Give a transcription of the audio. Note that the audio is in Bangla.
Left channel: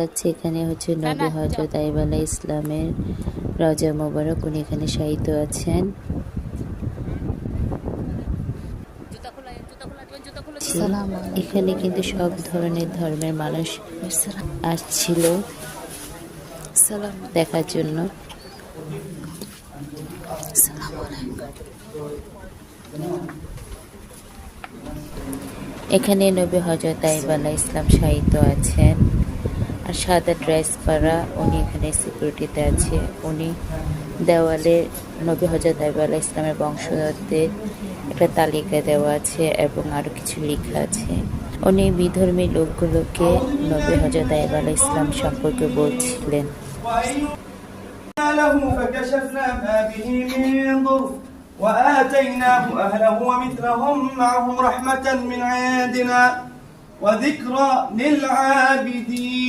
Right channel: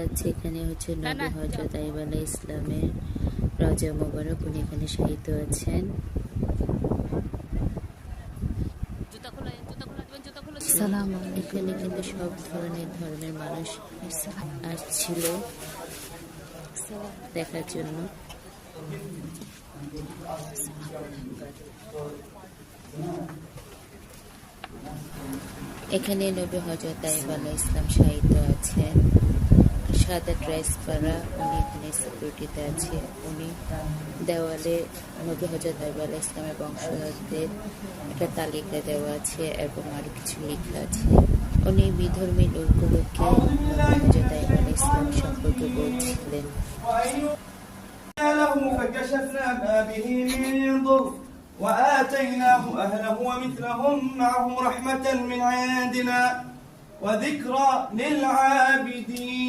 যাচ্ছে এখানে হচ্ছে নবী হযরত আইয়ুব আলাইহিস সালামের রওজা মোবারক। উনি এখানে শায়িত আছেন। এখানে কিন্তু সব ধরনের ধর্মের মানুষ আসছিল দেখার জন্য। এখানে নবী হযরত আইয়ুব আলাইহিস সালাম শায়িত আছেন। আর সাদা ড্রেস পরা উনি এখানে সিকিউরিটিতে আছে। উনি দেওয়ালে নবী হযরত আইয়ুব আলাইহিস সালামের বংশধরদের একটা তালিকা দেওয়া আছে এবং আরো কিছু লেখা আছে। উনি বিধর্মী লোকগুলোকে নবী হযরত আইয়ুব আলাইহিস সালাম সম্পর্কে বলছিলেন। وآتيناه أهله ومثلهم معهم رحمة من عندنا وذكرى للعابدين